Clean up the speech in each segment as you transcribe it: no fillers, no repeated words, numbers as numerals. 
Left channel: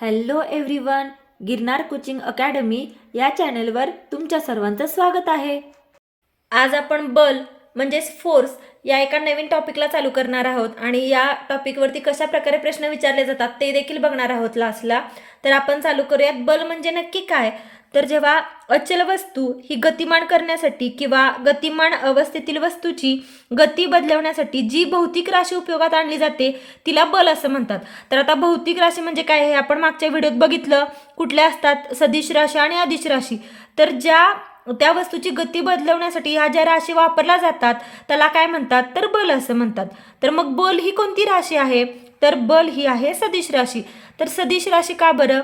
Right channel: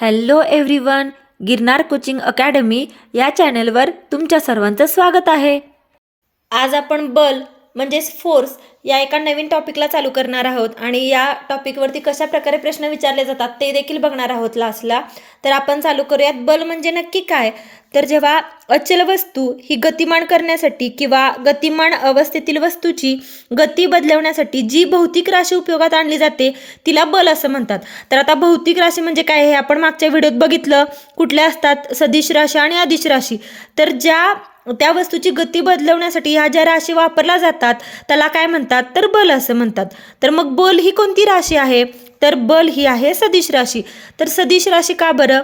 Hello everyone. Girnar coaching academy या चॅनलवर तुमच्या सर्वांचं स्वागत आहे. आज आपण बल म्हणजेच फोर्स या एका नवीन टॉपिकला चालू करणार आहोत आणि या टॉपिकवरती कशा प्रकारे प्रश्न विचारले जातात ते देखील बघणार आहोत क्लासला. तर आपण चालू करूयात. बल म्हणजे नक्की काय? तर जेव्हा अचल वस्तू ही गतिमान करण्यासाठी किंवा गतिमान अवस्थेतील वस्तूची गती बदलवण्यासाठी जी भौतिक राशी उपयोगात आणली जाते तिला बल असं म्हणतात. तर आता भौतिक राशी म्हणजे काय हे आपण मागच्या व्हिडिओत बघितलं. कुठल्या असतात? सदिश राशी आणि अदिश राशी. तर त्या वस्तूची गती बदलवण्यासाठी ह्या ज्या राशी वापरल्या जातात त्याला काय म्हणतात? तर बल असं म्हणतात. तर मग बल ही कोणती राशी आहे? तर बल ही आहे सदिश राशी. तर सदिश राशी का बरं?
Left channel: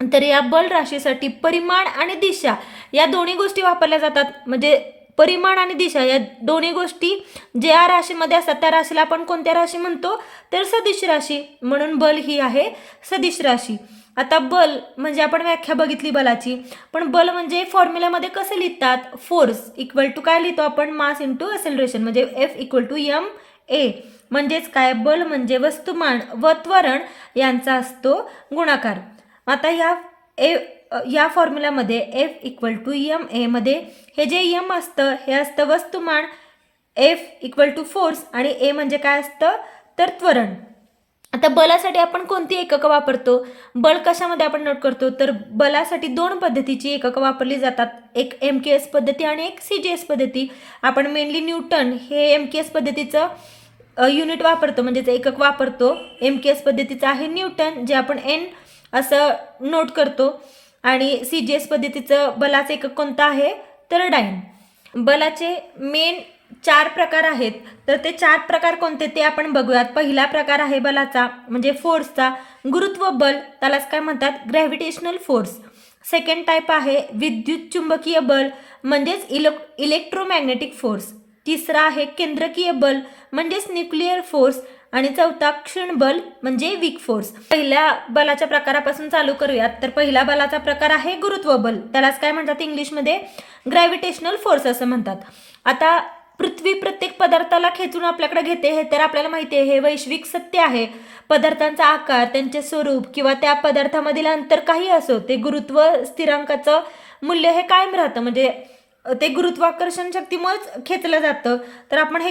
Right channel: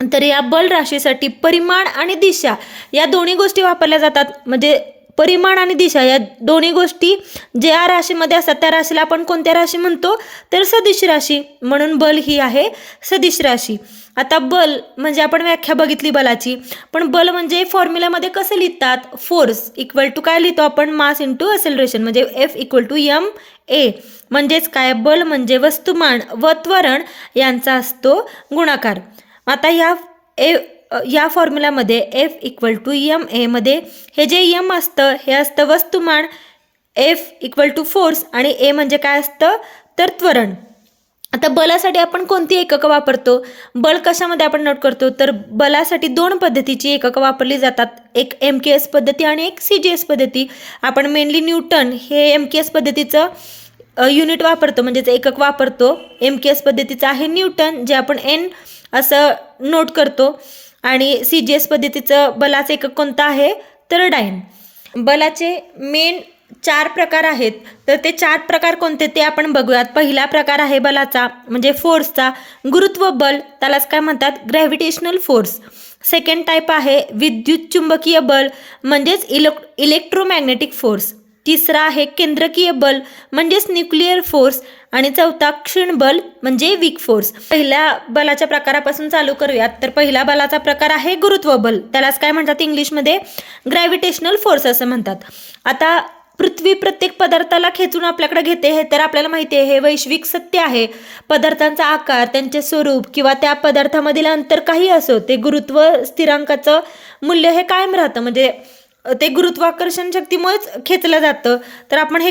तर या बल राशीसाठी परिमाण आणि दिशा या दोन्ही गोष्टी वापरल्या जातात. म्हणजे परिमाण आणि दिशा या दोन्ही गोष्टी ज्या राशीमध्ये असतात त्या राशीला आपण कोणत्या राशी म्हणतो? तर सदिश राशी. म्हणून बल ही आहे सदिश राशी. आता बल म्हणजे आपण व्याख्या बघितली बलाची, पण बल म्हणजे फॉर्म्युलामध्ये कसं लिहितात? फोर्स इक्वल टू काय लिहितो आपण? Mass into acceleration. म्हणजे F इक्वल टू ma. म्हणजेच काय? बल म्हणजे वस्तुमान व त्वरण यांचा असतो गुणाकार. आता या फॉर्म्युलामध्ये F इक्वल टू ma मध्ये हे जे m असतं हे असतं वस्तुमान, F इक्वल टू फोर्स आणि a म्हणजे काय असतं? तर त्वरण. आता बलासाठी आपण कोणती एककं वापरतो? बल कशामध्ये आपण नोट करतो? तर बलासाठी दोन पद्धतीची एककं वापरली जातात. एक MKS पद्धती आणि एक CGS पद्धती. आपण मेनली न्यूटन हे MKS पद्धतीचं युनिट वापरतो, म्हणजेच एकक वापरतो. MKS पद्धतीचं आहे न्यूटन, जे आपण N असं नोट करतो. आणि CGS पद्धतीचं बलाचं एकक कोणतं आहे? तर डाइन. बलाचे मेन 4 प्रकार आहेत. तर ते 4 प्रकार कोणते ते आपण बघूयात. पहिला प्रकार आहे बलाचा म्हणजे फोर्सचा गुरुत्व बल, त्यालाच काय म्हणतात? Gravitational force. सेकंड टाईप आहे विद्युत चुंबकीय बल म्हणजेच इलेक्ट्रोमॅग्नेटिक फोर्स. तिसरा आहे केंद्रकीय बल म्हणजेच न्यूक्लिअर फोर्स. आणि चौथा क्षीण बल म्हणजे वीक फोर्स. पहिल्या बलाच्या प्रकारापासून चालू करूयात. तर पहिला बलाचा प्रकार आहे गुरुत्व बल, त्यालाच काय म्हणतात इंग्लिशमध्ये? ग्रॅव्हिटेशनल फोर्स असं म्हणतात. आता पृथ्वी प्रत्येक पदार्थाला खेचून आपल्याकडे घेते हे तर आपल्याला माहिती आहे, हे वैश्विक सत्य आहे. पदार्थांचा आकार, त्यांचे स्वरूप किंवा त्या पदार्थामधील अंतर काही असो, ते गुरुत्व स्थिरांकाचं मूल्य हे कायम राहतं. म्हणजे ते गुरुत्वाकर्षण शक्तीमुळेच खेचलं जातं. तर आपण हे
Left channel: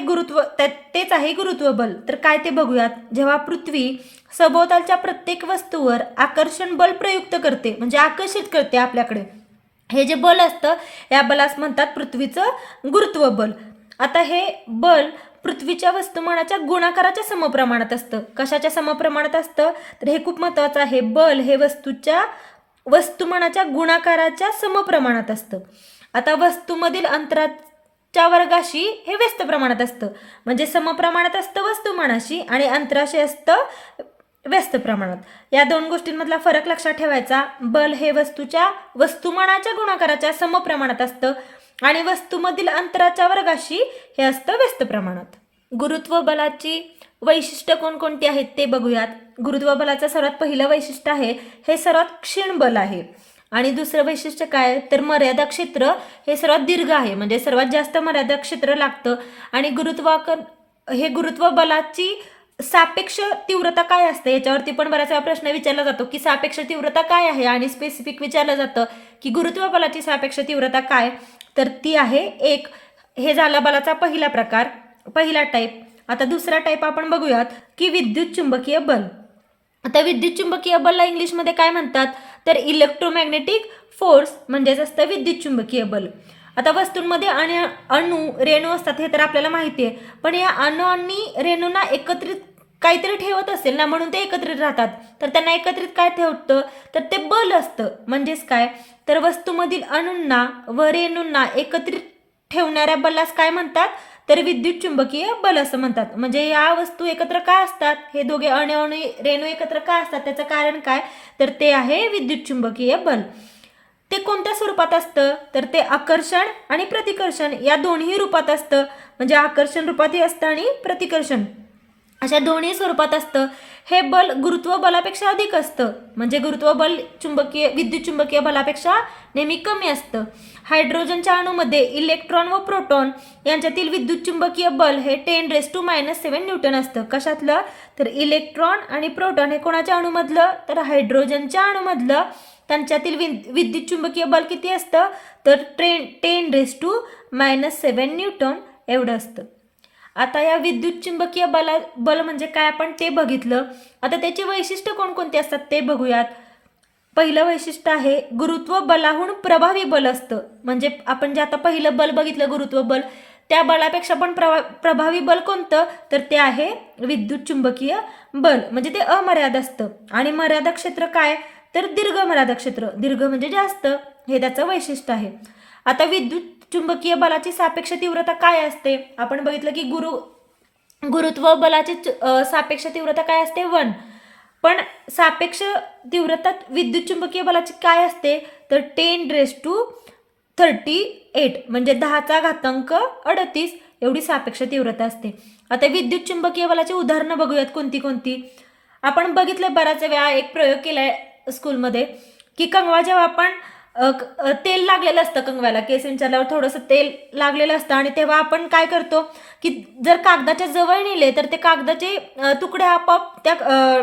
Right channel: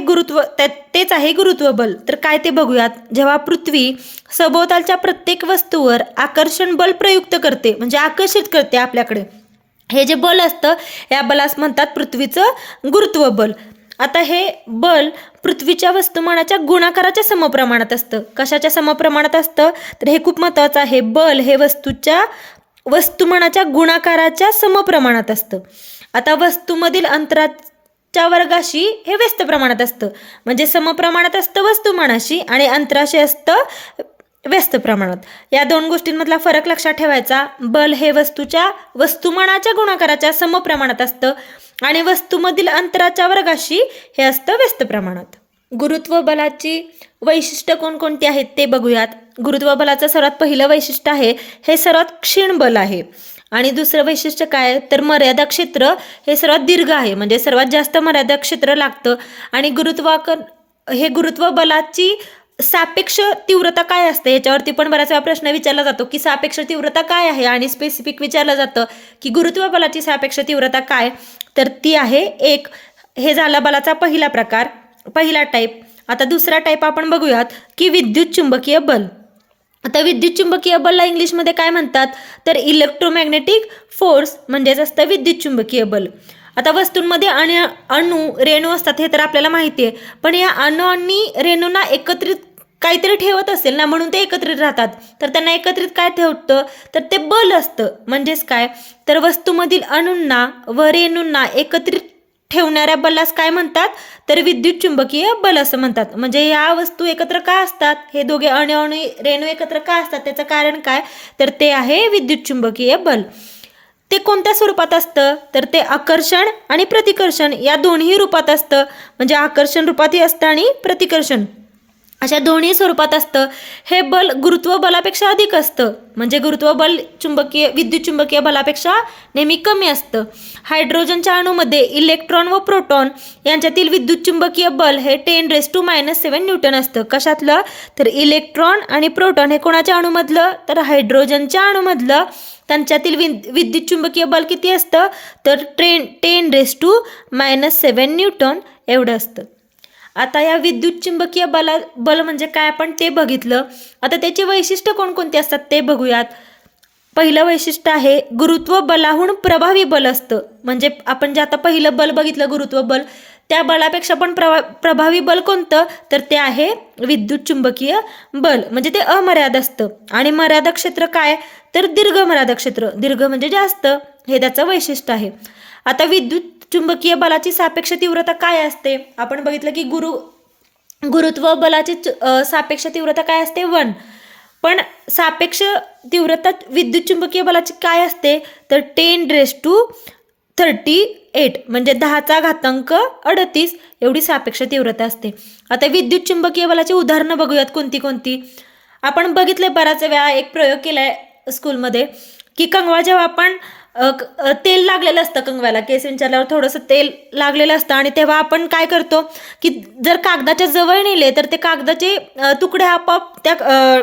तेच आहे गुरुत्व बल. तर काय ते बघूयात. जेव्हा पृथ्वी सभोवतालच्या प्रत्येक वस्तूवर आकर्षण बल प्रयुक्त करते म्हणजे आकर्षित करते आपल्याकडे, हे जे बल असतं या बलास म्हणतात पृथ्वीचं गुरुत्व बल. आता हे बल पृथ्वीच्या वस्तुमानाच्या गुणाकाराच्या समप्रमाणात असतं. कशाच्या समप्रमाणात असतं? तर हे खूप महत्त्वाचं आहे. बल हे वस्तुमानाच्या गुणाकाराच्या समप्रमाणात असतं. आता वस्तूमधील अंतराच्या वर्गाशी हे व्यस्त प्रमाणात असतं. म्हणजे समप्रमाणात असतं वस्तुमानाशी आणि अंतराशी असतं व्यस्त प्रमाणात. या दोन गोष्टींमधला फरक लक्षात ठेवायचा. बल हे वस्तुमानाच्या गुणाकाराच्या समप्रमाणात असतं आणि वस्तूमधील अंतराच्या वर्गाशी हे असतं व्यस्त प्रमाणात. गुरुत्व बलाची वैशिष्ट्य कोणकोणती आहेत ते बघूयात. गुरुत्व बलाचं सर्वात पहिलं वैशिष्ट्य आहे हे सर्वात क्षीण बल आहे. आणि दुसरं वैशिष्ट्य काय? तर मर्यादा क्षेत्र हे सर्वात दीर्घ आहे. म्हणजे सर्वात जास्त मर्यादा क्षेत्र लागतं. आणि गुरुत्व बलाची सापेक्ष तीव्रता काय असते याच्यावरती पण बराच वेळा प्रश्न विचारला जातो की सापेक्ष तीव्रता काय आहे, आणि स्पेसिफिक विचारलं जातं की गुरुत्व बलाची सापेक्ष तीव्रता काय? तर ती आहे 1. हे झाला बलाचा पहिला प्रकार, पहिला टाईप. आता दुसरा टाईप आपण बघूयात की विद्युत चुंबकीय बल. आता विद्युत चुंबकीय बलला इंग्लिशमध्ये काय म्हणतात? तर इलेक्ट्रोमॅग्नेटिक फोर्स म्हणजेच असतं विद्युत चुंबकीय बल. आता वस्तूंमध्ये अणू रेणू असतात हे तर आपल्याला माहिती आहे, पण या अणू आणि रेणूंना एकत्रित काहीतरी ठेवत असेल ना, म्हणून ते एकत्रित राहतात. तर त्यांना एकत्रित काय ठेवतं? तर ते बल असतं. म्हणजेच काय? तर वस्तूमधील अणूंना व रेणूंना एकत्रित ठेवणाऱ्या बलास काय म्हणतात? तर विद्युत चुंबकीय बल असं म्हणतात. म्हणजे या वस्तू एकत्र का असतात? हे दोघे अणू आणि रेणू एकत्र का असतात? त्याचं कारण काय? तर ते आहे विद्युत चुंबकीय बल. ते कोणत्या स्वरूपात असतं? तर ते आकर्षण आणि प्रतिकर्षण या दोन्ही रूपात असतं. म्हणजे आकर्षण रूपातही असतं आणि प्रतिकर्षण अशा दोन्ही स्वरूपात असतं. हे बल गुरुत्व बलापेक्षा अधिक असतं, म्हणजे गुरुत्व बल विद्युत चुंबकीय बलापेक्षा नेहमी कमी असतं. हायड्रोजनच्या अणूमध्ये इलेक्ट्रॉन व प्रोटॉन यांच्यातील विद्युत चुंबकीय बल हे 10⁻⁷ न्यूटन असतं. कशातलं? तर इलेक्ट्रॉन आणि प्रोटॉन हे कोणाच्या अणूमधलं? तर हायड्रोजनच्या अणूमधलं. त्यांच्यातील विद्युत चुंबकीय बल किती असतं? तर 10⁻⁷ न्यूटन एवढं असतं. आता या विद्युत चुंबकीय बल म्हणजे काय आपण ते बघितलं. आता त्याची वैशिष्ट्य कोणकोणती असतात ते बघूयात. पहिलं वैशिष्ट्य आहे गुरुत्व बलाहून प्रभावी बल असतं. म्हणजे आपण जे आता पहिलं बल बघितलं गुरुत्व बल, त्या बलापेक्षा पण प्रभावी बल कोणतं? तर ते आहे विद्युत चुंबकीय बल. म्हणजे ते अमर्याद असतं. आणि मर्यादा क्षेत्र काय? तर दीर्घ मर्यादा क्षेत्र. दीर्घ म्हणजे जास्त, हे त्याचं वैशिष्ट्य आहे. आता विद्युत चुंबकीय बलाची सापेक्ष तीव्रता काय असते? आपण बघितलं की गुरुत्व बलाची सापेक्ष तीव्रता काय असते? 1. पण सापेक्ष तीव्रता विद्युत चुंबकीय बलाची काय असते? तर 10⁻38 म्हणजे 10�38 एवढी सापेक्ष तीव्रता असते. आता विद्युत चुंबकीय बलाची उदाहरणं बघूयात कोणती कोणती. आपण बघितले बराच वेळा, एक प्रयोग केलाय स्कूलमध्ये की कंगवा जेव्हा आपण तेल लागलेलं असतं, कंगव्याला केस विंचरल्यावर थोडंसं तेल लागलेलं असतं, आणि तेव्हा आपण काय करतो की जर कागदाच्या जवळ नेले तर ते कागदाचे तुकडे आपोआप त्या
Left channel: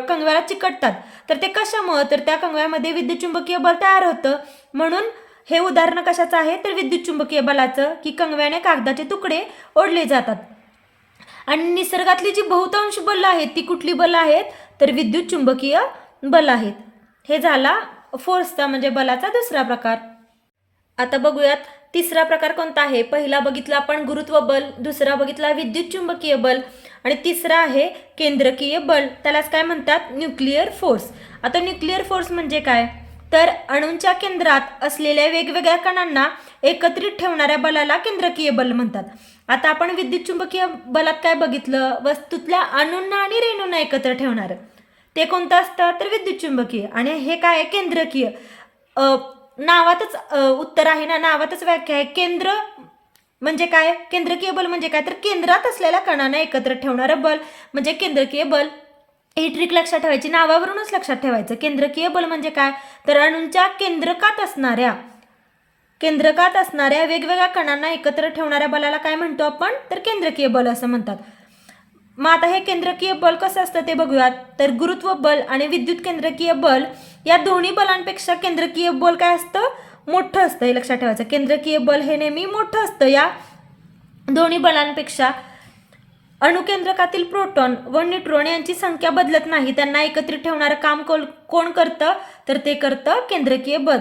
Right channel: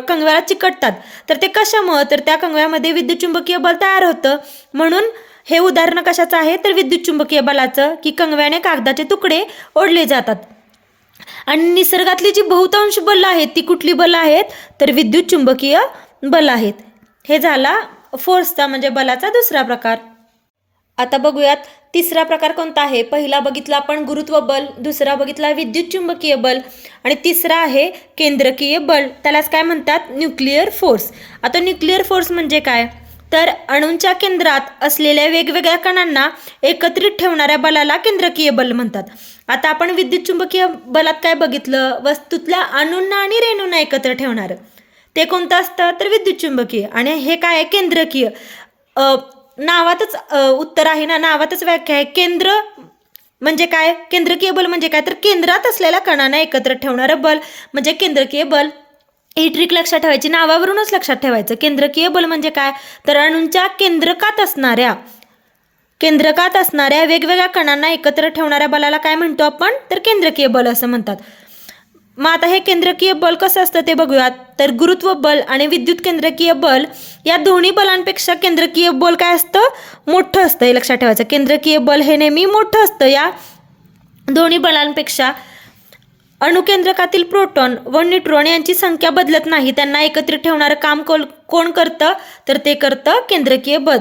कंगव्याला चिकटतात. तर ते कशामुळं? तर त्या कंगव्यामध्ये विद्युत चुंबकीय बल तयार होतं. म्हणून हे उदाहरण कशाचं आहे? तर विद्युत चुंबकीय बलाचं, की कंगव्याने कागदाचे तुकडे ओढले जातात. आणि निसर्गातली जी बहुतांश बल आहेत ती कुठली बल आहेत? तर विद्युत चुंबकीय बल आहेत. हे झाला फोर्सचा म्हणजे बलाचा दुसरा प्रकार. आता बघूयात तिसरा प्रकार कोणता आहे. पहिला बघितला आपण गुरुत्व बल, दुसरा बघितला विद्युत चुंबकीय बल, आणि तिसरा आहे केंद्रकीय बल. त्यालाच काय म्हणतात? Nuclear force. आता न्यूक्लिअर फोर्स म्हणजे काय? तर अणूंच्या केंद्रात असलेल्या वेगवेगळ्या कणांना एकत्रित ठेवणाऱ्या बलाला केंद्रकीय बल म्हणतात. आता आपण विद्युत चुंबकीय बलात काय बघितलं? वस्तूतल्या अणूंना आणि रेणूंना एकत्र ठेवणारं ते कोणतं असतं? तर विद्युत चुंबकीय. आणि हे काय आहे? केंद्रकीय. नावातच उत्तर आहे ना, नावातच व्याख्या आहे. केंद्र म्हणजे काय? केंद्रकीय बल म्हणजे काय? तर केंद्रात असलेल्या कणांना एकत्र ठेवणारं बल म्हणजे केंद्रकीय बल. ही ट्रिक लक्षात ठेवायची, नावावरूनच लक्षात ठेवायचं. केंद्रकीय बल म्हणजे काय? तर अणूंच्या केंद्रकात असणाऱ्या वेगवेगळ्या कणांना एकत्र ठेवणाऱ्या बलाला काय म्हणतो आपण? तर केंद्रकीय बल असं म्हणतात. मग आता हे केंद्रकीय बल कसं असतं ते बघूयात. तर गुरुत्व बल आणि विद्युत केंद्रकीय बल या दोन्ही बलांपेक्षा केंद्रकीय बल काय असतं? मोठं असतं. हे लक्षात ठेवायचं. केंद्रकीय बल हे नेहमी मोठं असतं या दोन्ही बलांपेक्षा. अणुकेंद्रकातील प्रोटॉन व न्यूट्रॉन यांची संख्या बदलत नाही. त्यांना एकत्रित ठेवणारं काम कोण करतं? तर ते करतं केंद्रकीय बल.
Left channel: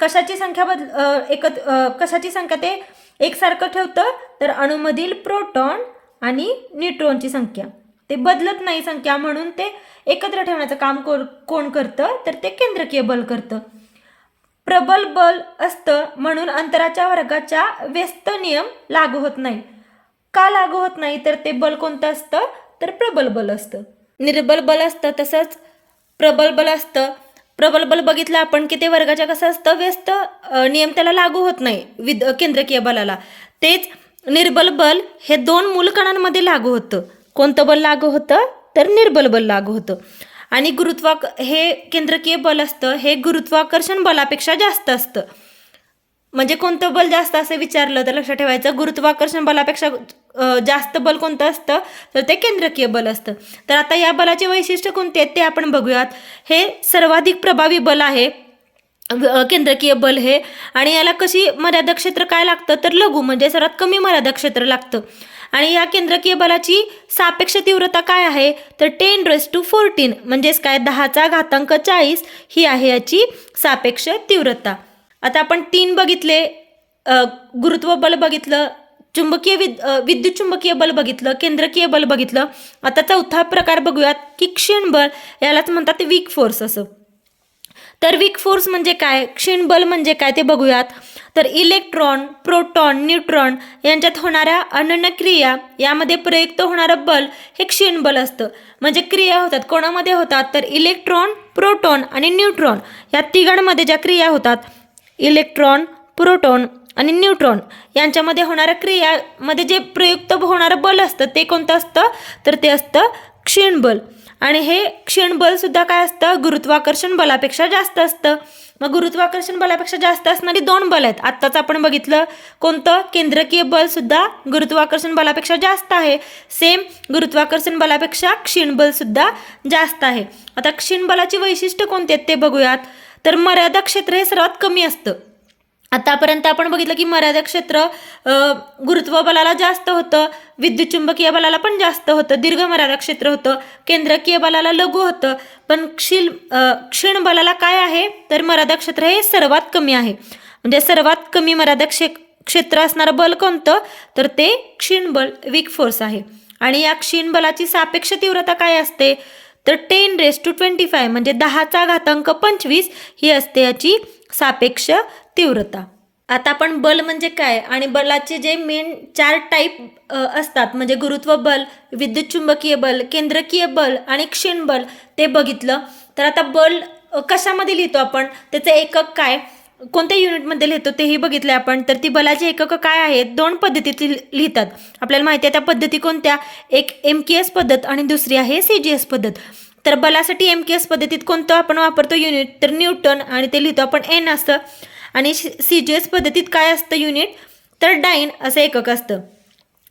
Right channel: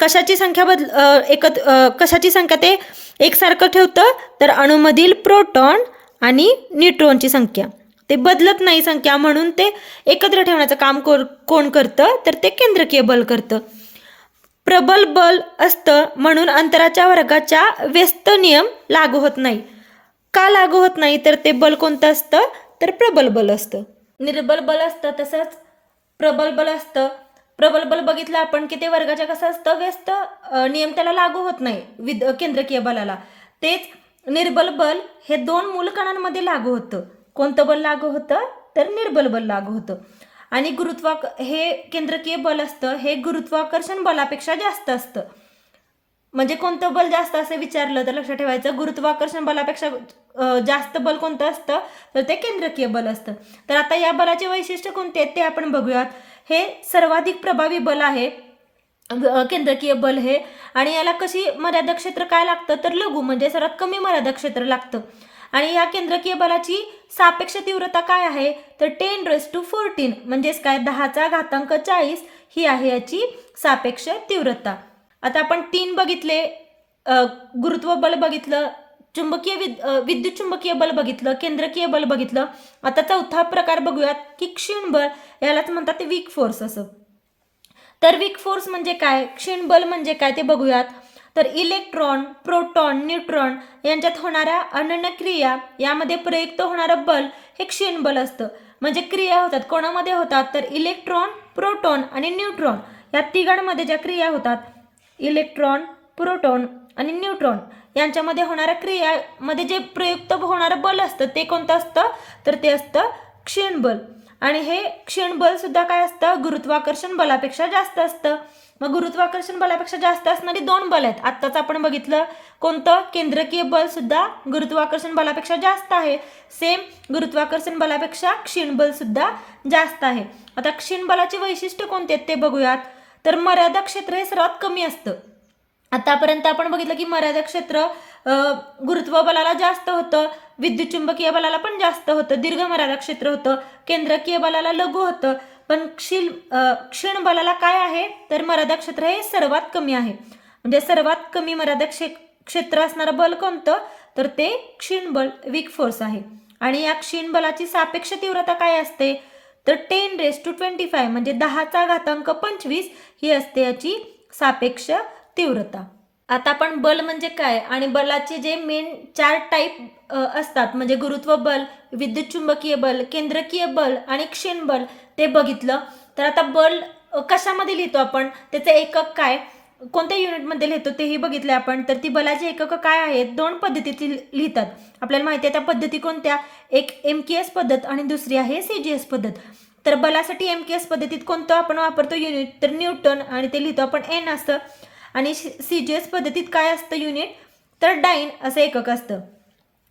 कशाची संख्या ते एकसारखं ठेवतं? तर अणूमधील प्रोटॉन आणि न्यूट्रॉनची संख्या ते बदलत नाही संख्या, म्हणून ते एकत्र ठेवण्याचं काम कोण करतं? तर ते केंद्रकीय बल करतं. प्रबल बल असतं म्हणून अंतराच्या वर्गाच्या व्यस्त नियम लागू होत नाही. का लागू होत नाही? तर ते बल कोणतं असतं? तर प्रबल बल असतं. निर्बल बल असतं, तसंच प्रबल बल असतं. प्रबल बल बघितलं आपण की ते वर्गाच्या कसं असतं? व्यस्त नियम त्याला लागू होत नाही केंद्रकीय बलाला. तेच निर्बल बल हे 2 मूल कणांमध्ये लागू होतं. कोणतं बल लागू होतं? तर निर्बल बल लागू होतं. आणि हे केंद्रकीय बल असतं हे गुरुत्वाकर्षण बलापेक्षा जास्त असतं. म्हणजे कोणतं बल जास्त असं विचारलं तर लक्षात ठेवायचं, गुरुत्वाकर्षण बलापेक्षा जास्त बल कोणतं असतं? तर ते केंद्रकीय बल असतं. तर आता या बलाचे वैशिष्ट्य कोणते आहेत ते आपण बघूयात. हे सर्वाधिक प्रभावी बल आहे केंद्रकीय बल हे. आणि याला कशी मर्यादा क्षेत्र काय लागतं? तर लघु म्हणजे सर्वात कमी मर्यादा क्षेत्र लागतं. आणि या केंद्रकीय बलाची सापेक्ष तीव्रता काय आहे? तर 10⁻⁴ म्हणजेच काय? 10⁻40 ही आहे याची सापेक्ष तीव्रता. आता आपण 3 बघितले, गुरुत्व बल बघितलं, विद्युत चुंबकीय बल बघितलं, केंद्रकीय बल बघितलं. आता चौथा प्रकार बघूयात की क्षीण बल. यालाच म्हणतात वीक फोर्स असं. तर वीक फोर्स म्हणजे काय? क्षीण बल म्हणजे काय ते बघूयात. तर इलेक्ट्रॉन, प्रोटॉन, न्यूट्रॉन यांच्यात होणाऱ्या अनन्य क्रिया यामध्ये प्रयुक्त होणारं बल हे क्षीण बल असतं. म्हणजे क्रिया होतात कोणामध्ये होतात? तर इलेक्ट्रॉन, प्रोटॉन आणि न्यूट्रॉन या तिघांमध्ये ज्या क्रिया होतात, इलेक्ट्रॉन, प्रोटॉन आणि न्यूट्रॉन यांच्यामध्ये होणाऱ्या क्रियामध्ये जे प्रयुक्त होणारं बल असतं ते कोणतं असतं, तर ते असतं क्षीण बल. आणि हे क्षीण बल सुद्धा काय असतं, गुरुत्वाकर्षण बलापेक्षा जास्त असतं. मग गुरुत्वाकर्षण बलापेक्षा जास्त असणारी दोन बल आहेत. आत्ताच आपण बघितलं कोणतं, केंद्रकीय बल सुद्धा गुरुत्वाकर्षण बलापेक्षा जास्त आहे. सेम गुरुत्वाकर्षण बलापेक्षा क्षीण बल सुद्धा जास्त आहे. आता क्षीण बलाची वैशिष्ट्य कोणती आहेत ते बघूयात. तर मर्यादा क्षेत्र हे सर्वात कमी असतं. आतापर्यंत आपण बघितलं की मर्यादा क्षेत्र गुरुत्व बलाला जास्त होतं, विद्युत चुंबकीय बलाला पण जास्त होतं, दीर्घ मर्यादा क्षेत्र होतं, केंद्रकीय बलाला लघु होतं. पण क्षीण बलाला काय आहे, तर मर्यादा क्षेत्र हे सर्वात कमी आहे. म्हणजे सर्वात कमी मर्यादा क्षेत्र असणारं बल कोणतं, तर ते क्षीण बल, वीक फोर्स आहे. आणि या क्षीण बलाची सापेक्ष तीव्रता काय असते, तर 10⁻25 म्हणजे 10⁻25 ही असते याची सापेक्ष तीव्रता. आता आपण बल म्हणजे काय आणि बलाचे जे मेन 4 टाईप असतात म्हणजे गुरुत्व बल, विद्युत चुंबकीय बल, केंद्रकीय बल आणि क्षीण बल ते बघितलं. तर आता बल कशामध्ये लिहितो आपण, त्याचं एकक काय, कोणत्या युनिटमध्ये लिहितो तेही बघितले आपण. तर ती बलाची एककं काय आहेत, 2 पद्धतीत लिहितात. आपल्याला माहिती आहे त्या पद्धती कोणत्या, एक MKS पद्धत आणि दुसरी आहे CGS पद्धत. तर बलासाठी MKS पद्धतीत कोणतं आपण वापरतो युनिट, तर न्यूटन, आणि ते लिहितो आपण N असतं. आणि CGS पद्धतीत काय असतं युनिट, तर डाईन असं एकक असतं.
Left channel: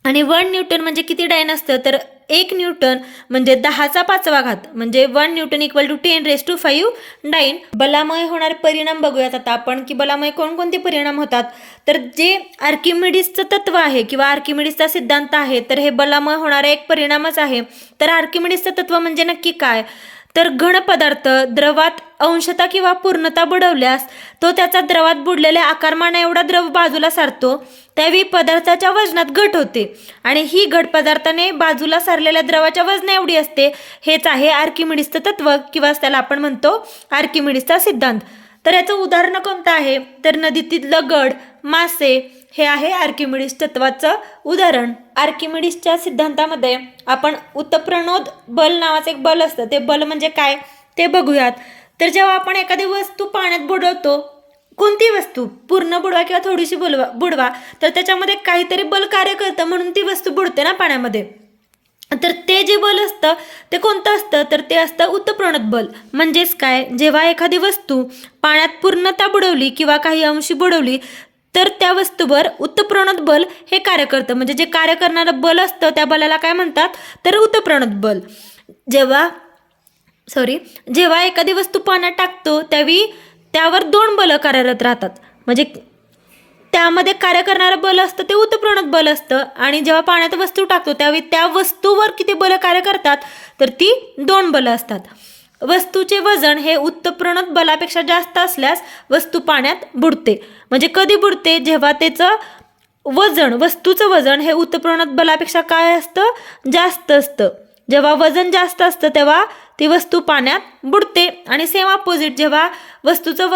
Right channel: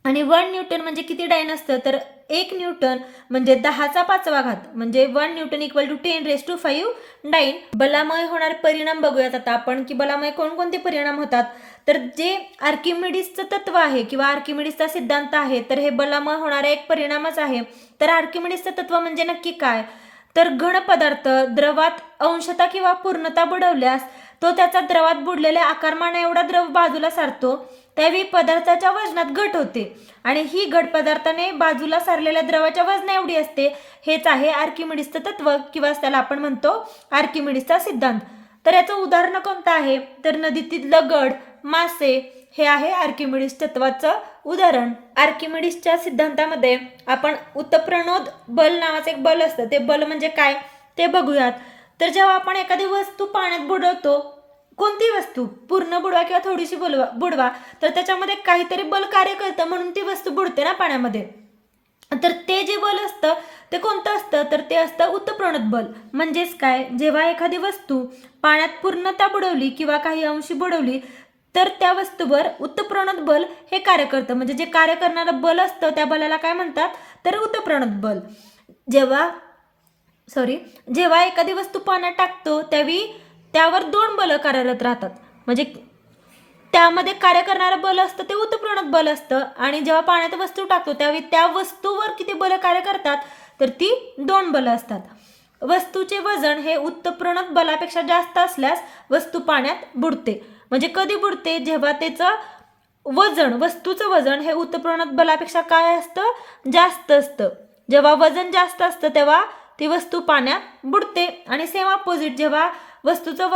आणि 1 न्यूटन म्हणजे किती डाईन असतं, तर 1 न्यूटन म्हणजे 10⁵ म्हणजे 1 न्यूटन इक्वल टू 10⁵ डाईन. बलामुळे होणारे परिणाम बघूयात आता आपण की बलामुळे कोणकोणते परिणाम होतात. तर जे आर्किमिडीजचं तत्व आहे किंवा आर्किमिडीजचा सिद्धांत आहे, तर हे बलामुळे होणारा एक परिणामच आहे. तर आर्किमिडीजचं तत्व म्हणजे नक्की काय, तर घन पदार्थ द्रवात अंशतः किंवा पूर्णता बुडवल्यास तो त्याचा द्रवात बुडलेल्या आकारमाना एवढा द्रव बाजूला सारतो, त्यावेळी पदार्थाच्या वजनात घट होते आणि ही घट पदार्थाने बाजूला सारलेल्या द्रवाच्या वजना एवढी असते. हेच आहे आर्किमिडीजचं तत्व किंवा त्याला आपण म्हणतो आर्किमिडीजचा सिद्धांत. तर याचं उदाहरण कोणतं आहे, तर नदीतील दगड, मासे हे आहे आर्किमिडीज तत्वाचं उदाहरण. आर्किमिडीजच्या सिद्धांतामध्ये आपण उत्प्रणोद बल नावाचं एक बल असतं. ते बल म्हणजे काय ते बघूयात. तर जेव्हा आपण एखादी वस्तू पाण्यात बुडवतो, कोणती वस्तू पूर्ण बुडवा किंवा थोडीशी बुडवा, तर त्याच्यामध्ये काहीतरी बल कार्य करतं म्हणून ती वस्तू बुडते ना पाण्यामध्ये. तर ते जे बल असतं ते कोणतं असतं, तर ते असतं उत्प्रणोद बल. म्हणजेच काय, जेव्हा एखादी वस्तू पाण्यात पूर्णतः बुडवली किंवा काही अंशी बुडवली तर त्या वस्तूवर उत्प्रणोद बल हे कार्य करतं. म्हणजे जे कार्य करणारं बल असतं त्या बलाला काय म्हणतात, तर उत्प्रणोद बल. जेव्हा एखादी वस्तू पाण्यात टाकतो त्यावेळी त्यावर 2 बल कार्यरत राहतात. म्हणजे त्यामध्ये कार्य करणारं बल असतं ते उत्प्रणोद बल असतं. आणि जेव्हा पाण्यात वस्तू टाकतो त्यावेळी त्या वस्तूवर किती बल कार्य करतात, तर ती 2 बल असतात. वस्तूचे वजन हे उत्प्रणोद बलापेक्षा जास्त असल्यास वस्तू पाण्यात बुडते. म्हणजे कधी बुडते, जेव्हा त्याचं वजन, वस्तूचं वजन हे उत्प्रणोद बलापेक्षा काय असतं, जास्त असतं. जेव्हा वजन जास्त असतं तेव्हा ती वस्तू पाण्यात बुडते. आणि सेम अपोजिट, जेव्हा वस्तूचं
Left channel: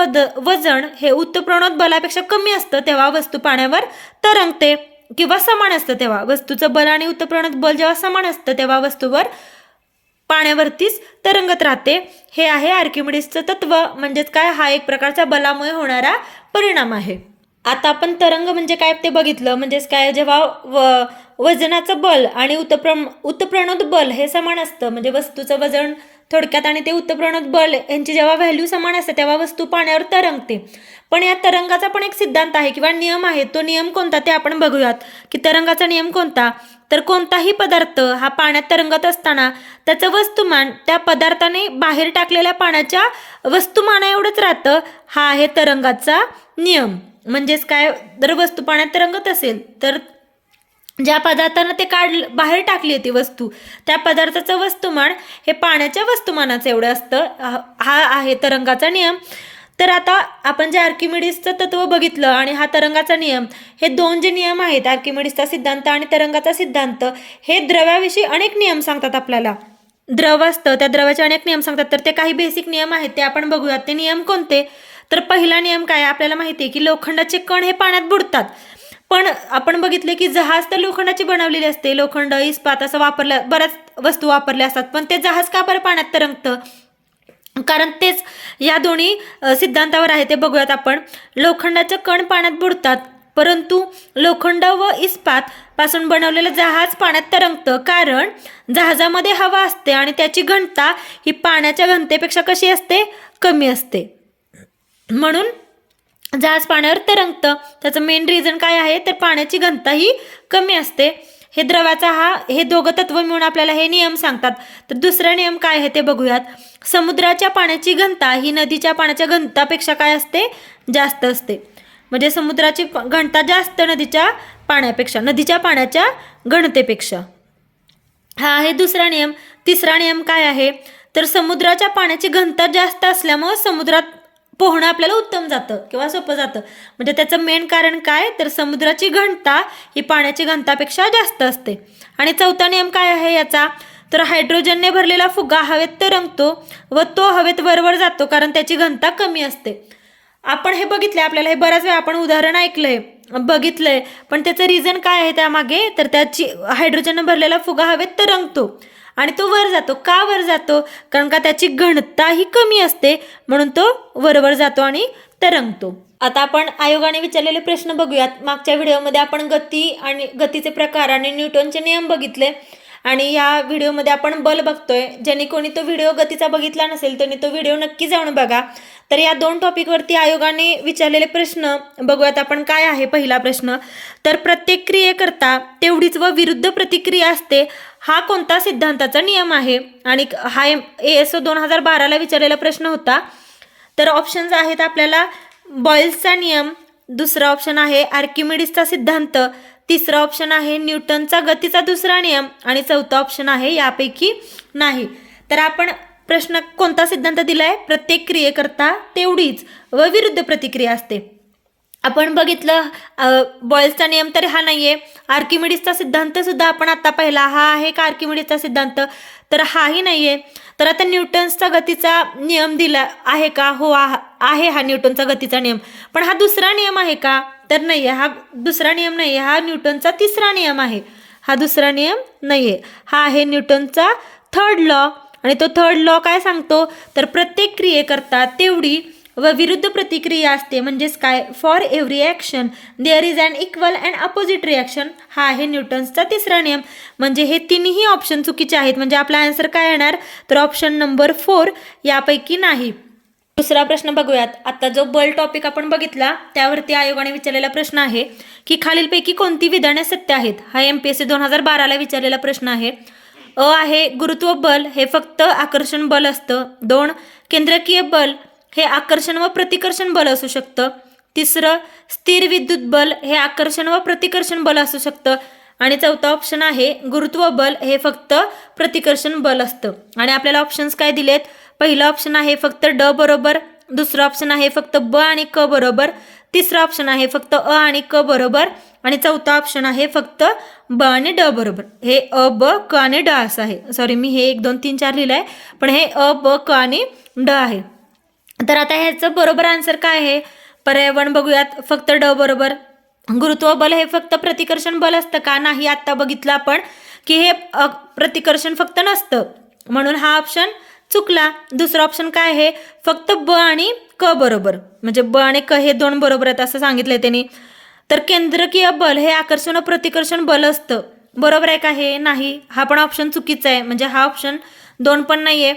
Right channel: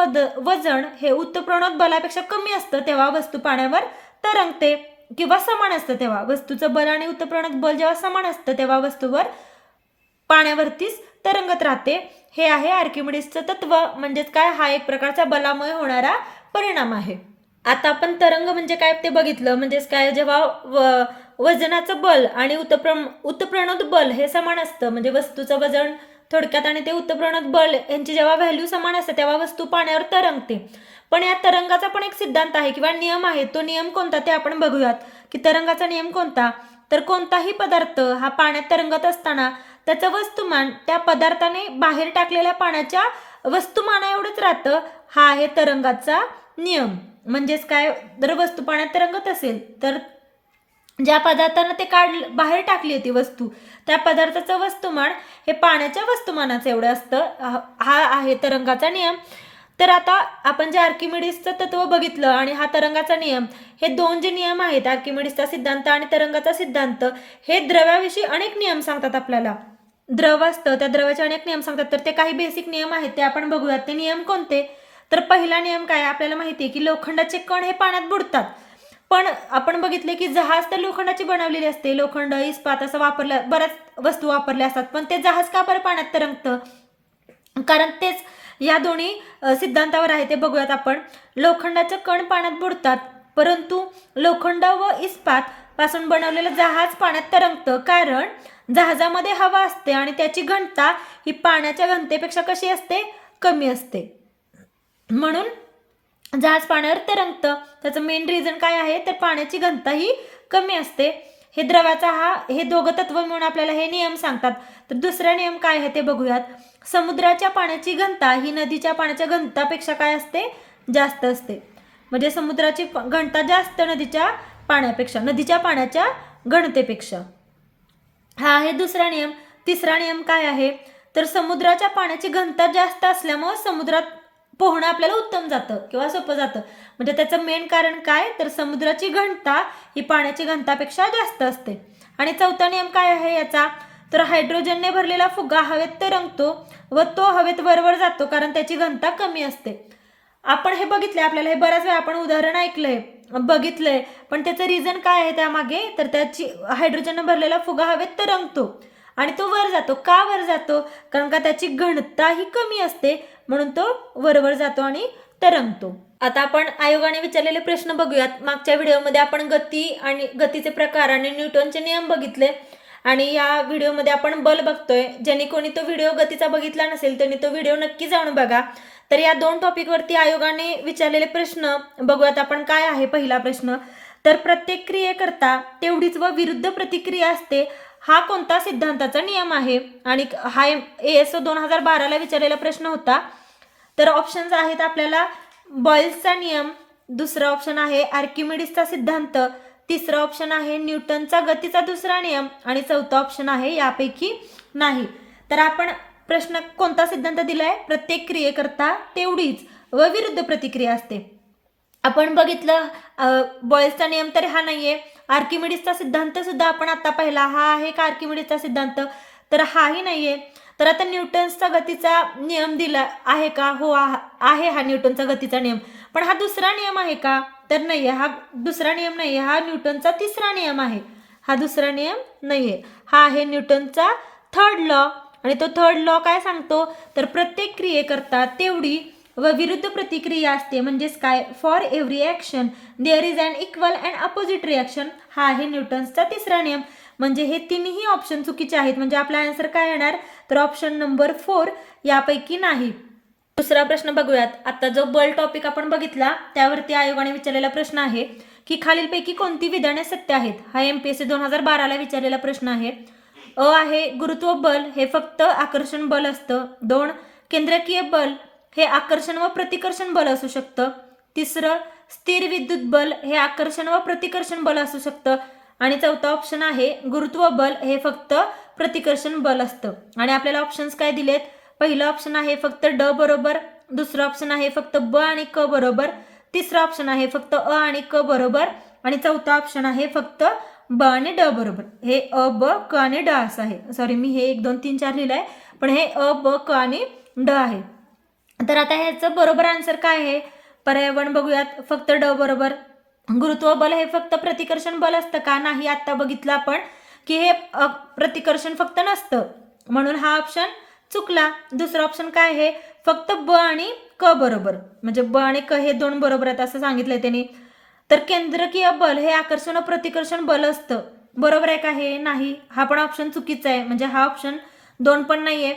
वजन हे उत्प्रणोद बलापेक्षा कमी असतं तेव्हा वस्तू पाण्यावर तरंगते किंवा समान असतं. तेव्हा वस्तूचं बल आणि उत्प्रणोद बल जेव्हा समान असतं तेव्हा वस्तूवर पाण्यावरतीच तरंगत राहते. हे आहे आर्किमिडीजचं तत्व. म्हणजेच काय, हा एक प्रकारचा बलामुळे होणारा परिणाम आहे. आता आपण तरंग म्हणजे काय ते बघितलं. म्हणजेच काय, जेव्हा वजनाचं बल आणि उत्प्रणोद बल हे समान असतं, म्हणजे वस्तूचं वजन थोडक्यात आणि ते उत्प्रणोद बल यांची जेव्हा व्हॅल्यू समान असते तेव्हा वस्तू पाण्यावर तरंगते. पण या तरंगाचा पण एक सिद्धांत आहे किंवा नियम आहे. तो नियम कोणता ते आपण बघूयात की तरंगाचा नियम कोणता, तर कोणताही पदार्थ हा पाण्यात तरंगत असताना त्याचं वस्तुमान त्या पदार्थाने बाहेर टाकलेल्या पाण्याच्या वस्तुमाना एवढंच राहतं. हा आहे तरंगाचा नियम. म्हणजेच काय, जर वस्तू पाण्यात तरंगत असेल तर ज्या पदार्थानं ते बाहेर टाकली होती वस्तू, त्या पदार्थाचं वस्तुमान हे पाण्याच्या वस्तुमानाचं एवढं असतं. हा आहे तरंगाचा नियम. तर आता आपण जे आर्किमिडीजचं तत्व बघितलं आणि हा तरंगाचा नियम, हे 2 जे नियम आहेत, आर्किमिडीजचा सिद्धांत आणि तरंगाचा सिद्धांत, हे द्रव्याविषयी अनेक नियम सांगतात आपल्याला. द्रव असतं त्या द्रवाचे अनेक नियम सांगतात. तर ते काही बेसिक नियम आहेत ते आपण बघूयात. ते नियम कोणते, तर पहिला नियम काय, आपल्याला माहिती आहे की लोखंडाचे कण हे पाण्यात बुडतात. पण आपण बघितले की जहाज तर लोखंडाची बनवलेली असते, लोखंड, इस्पात असं बऱ्याच वस्तू वापरल्या असतात. पण ते जहाज का बरं पाण्यात तरंगतं, कारण तेच या दोन्ही सिद्धांतावर आहे. ते बघूयात आपण. लोखंडाचे कण पाण्यात बुडतात परंतु लोखंड व इस्पात पासून बनवलेलं जहाज पाण्यात तरंगतं, कारण जहाजामध्ये हवा असते आणि त्याची घनता ही पाण्याच्या घनतेपेक्षा कशी असते, कमी असते, म्हणून जहाज पाण्यावर तरंगतं. त्याचं मेन रिझन काय आहे, तर पाण्याची घनता ही कमी असते. हे द्रवाचा हे दोघं तत्व मिळून आपल्याला हे नियम सांगतात. तर दुसरा नियम काय आहे ते बघूयात. समुद्राच्या पाण्याची घनता ही नदीच्या पाण्याच्या घनतापेक्षा काय असते, जास्त असते. म्हणजे समुद्राची घनता जास्त नदीच्या पाण्याच्या घनतेपेक्षा. हा आहे दुसरा नियम. तिसरा नियम काय आहे, तर समुद्राच्या पाण्याची घनता जास्त असल्यामुळे समुद्रात पोहणं आपल्याला उत्तम जातं किंवा सोपं जातं. म्हणजे त्याचं मेन कारण काय, तर समुद्राची घनता ही पाण्याची घनतापेक्षा जास्त असते. आणि चौथा नियम काय आहे याचा, तर हायड्रोजनने भरलेला फुगा हवेत तरंगतो व तो हवेत वरवर जातो, कारण त्याची घनता कमी असते. आपण हे बघितलंय, आपल्याला हे बऱ्याच वेळा आपण उदाहरण ऐकलंय, बघितलंय, पण त्याचं रिझन काय आहे त्यामागे, तर त्याची हायड्रोजनने भरलेला फुगा हवेत तरंगतो आणि तो वर जातो. का वर जातो, कारण का त्याची घनता ही कमी असते, म्हणून तो वरवर जातो आणि तरंगतो. आता आपण आयोगाने विचारलेले प्रश्न बघूयात. मागच्या व्हिडिओमध्ये आपण गती आणि गतीचे प्रकार आणि न्यूटनचे नियम बघितले आणि या व्हिडिओमध्ये आपण बल बघतोय. ज्यांनी कोणी तो व्हिडिओ गतीचा बघितला नसेल त्यांनी तो व्हिडिओ नक्की जाऊन बघा. तर या दोन टॉपिकवरती आयोगाने विचारलेले प्रश्न बघूयात आपण. काय आहे पहिला प्रश्न, तर प्रत्येक क्रियेकरता तेवढीच व विरुद्ध प्रतिक्रिया असते, हा कोणता सिद्धांताचा नियम आहे. आणि हा ASO 2012ला विचारलेला प्रश्न होता. तर ऑप्शन्स आहेत आपल्याला बॉयल्सचा नियम, दुसरा ऑप्शन आहे आर्किमिडीजचा सिद्धांत, तिसरा ऑप्शन आहे न्यूटनचा गतीचा दुसरा नियम आणि चौथा ऑप्शन आहे यापैकी नाही. तर आपण प्रश्न कोणता सिद्धांत दिलाय, प्रत्येक क्रियेकरता तेवढीच व विरुद्ध प्रतिक्रिया असते. आपण बघितलं बॉयल्सचा नियम तर हा नाहीये. आर्किमिडीजचा सिद्धांत सुद्धा आपण आता पाहिला, हा आहे का आर्किमिडीजचा सिद्धांत, तर हाही नाहीये. तर आता न्यूटनचा गतीचा नियम दिला आहे का, हो आहे हा न्यूटनचा गतीचा नियम, पण हा दुसरा नियम आहे का, तर नाहीये. हा दुसरा नियम नाहीये, हा न्यूटनचा तिसरा नियम आहे. हा दुसरा नियम नाहीये, हा आहे न्यूटनचा थर्ड लॉ. आणि तो थर्ड लॉ काय सांगतो, तर प्रत्येक क्रियेकरता तेवढी व विरुद्ध प्रतिक्रिया असते. म्हणजेच काय, for every action there is an equal and opposite reaction. हा आहे न्यूटन्सचा तिसरा नियम. म्हणजे हे तिन्ही ऑप्शन चुकीचे आहेत. म्हणजे आपला आन्सर काय येणार, तर ऑप्शन नंबर 4 यापैकी नाही. दुसरा प्रश्न बघूयात. आता जो बल टॉपिक आपण बघितला त्यावरती आयोगाने विचारलेला प्रश्न आहे की खालीलपैकी कोणती विधाने सत्य आहेत. हा MPSC 2012ला विचारलेला प्रश्न आहे. अ आहे गुरुत्व बल हे फक्त आकर्षण बल असतं. 2 केंद्रकीय बल हे आकर्षण व प्रतिकर्षण बल असू शकतं. तिसरं स्थिर विद्युत बल हे आकर्षण व प्रतिकर्षण बल असू शकतं. आणि चौथा ऑप्शन आहे गुरुत्व बल हे फक्त प्रतिकर्षण बल असतं. आणि आपल्याला ऑप्शन्स काय दिलेत, पहिलं ऑप्शन आहे फक्त ड बरोबर, दुसरं ऑप्शन आहे फक्त ब आणि क बरोबर, तिसरं ऑप्शन आहे फक्त अ आणि क बरोबर आणि चौथा ऑप्शन आहे फक्त ब आणि ड बरोबर. हे अ ब क आणि ड असं आहे. सॉरी, मी हे 1 2 3 4 लिहिलं आहे, पण हे अ ब क आणि ड आहे. तर आता ह्याचं बरोबर आन्सर काय आहे, पर्याय 1 बघूयात. फक्त ड बरोबर. गुरुत्व बल हे फक्त प्रतिकर्षण बल असतं का, नाही. आत्ता बघितलं आपण की हे प्रतिकर्षण फक्त नसतं, म्हणून हा ऑप्शन चुकला. दुसरा ऑप्शन काय आहे, फक्त ब आणि क बरोबर. म्हणजे ब आणि क हे 2 बरोबर आहेत असं सांगितलंय त्यांनी. तर केंद्रकीय बल हे आकर्षण व प्रतिकर्षण बल असतं, बरोबर आहे का, हे नाही. हा पण ऑप्शन चुकीचा आहे. म्हणजे हा ऑप्शन 2 पण नाहीये.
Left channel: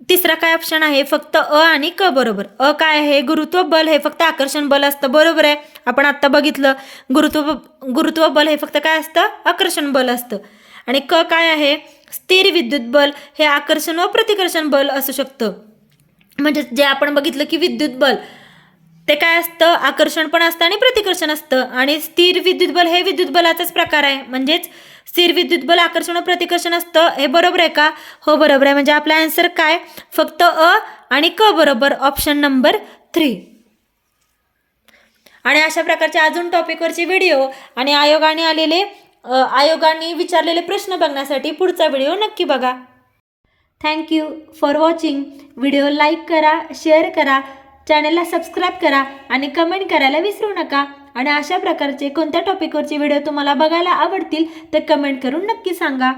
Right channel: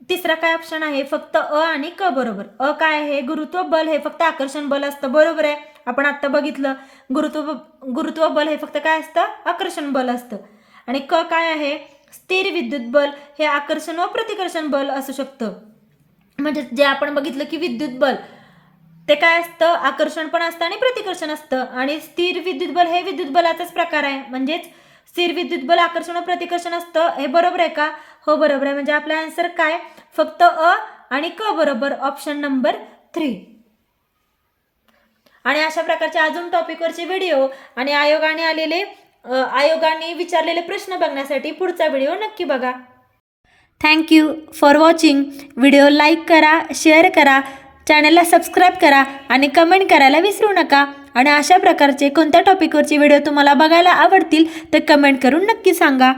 तिसरा काय ऑप्शन आहे, फक्त अ आणि क बरोबर. अ काय आहे, गुरुत्व बल हे फक्त आकर्षण बल असतं, बरोबर आहे. आपण आत्ता बघितलं गुरुत्व बल हे फक्त काय असतं, आकर्षण बल असतं. आणि क काय आहे, स्थिर विद्युत बल हे आकर्षण व प्रतिकर्षण बल असू शकतं. म्हणजे जे आपण बघितलं की विद्युत बल ते काय असतं, आकर्षण पण असतं आणि प्रतिकर्षण असतं. आणि स्थिर विद्युत बल हे विद्युत बलाचाच प्रकार आहे. म्हणजेच स्थिर विद्युत बल आकर्षण व प्रतिकर्षण असतं. हे बरोबर आहे का, हो बरोबर आहे. म्हणजे आपला आन्सर काय, फक्त अ आणि क बरोबर, ऑप्शन नंबर 3. आणि अशा प्रकारच्या अजून टॉपिकवरचे व्हिडिओ आणि आयोगाने विचारलेले प्रश्न बघण्यासाठी पुढचा व्हिडिओ नक्की बघा. Thank you for watching. Video like करा, शेअर करा, चॅनलला सबस्क्राईब करा आणि कमेंट करायला विसरू नका. आणि अशा प्रकारचे कोणत्या टॉपिकवरचे व्हिडिओ तुम्हाला बघायला आवडतील ते कमेंट करून नक्की सांगा.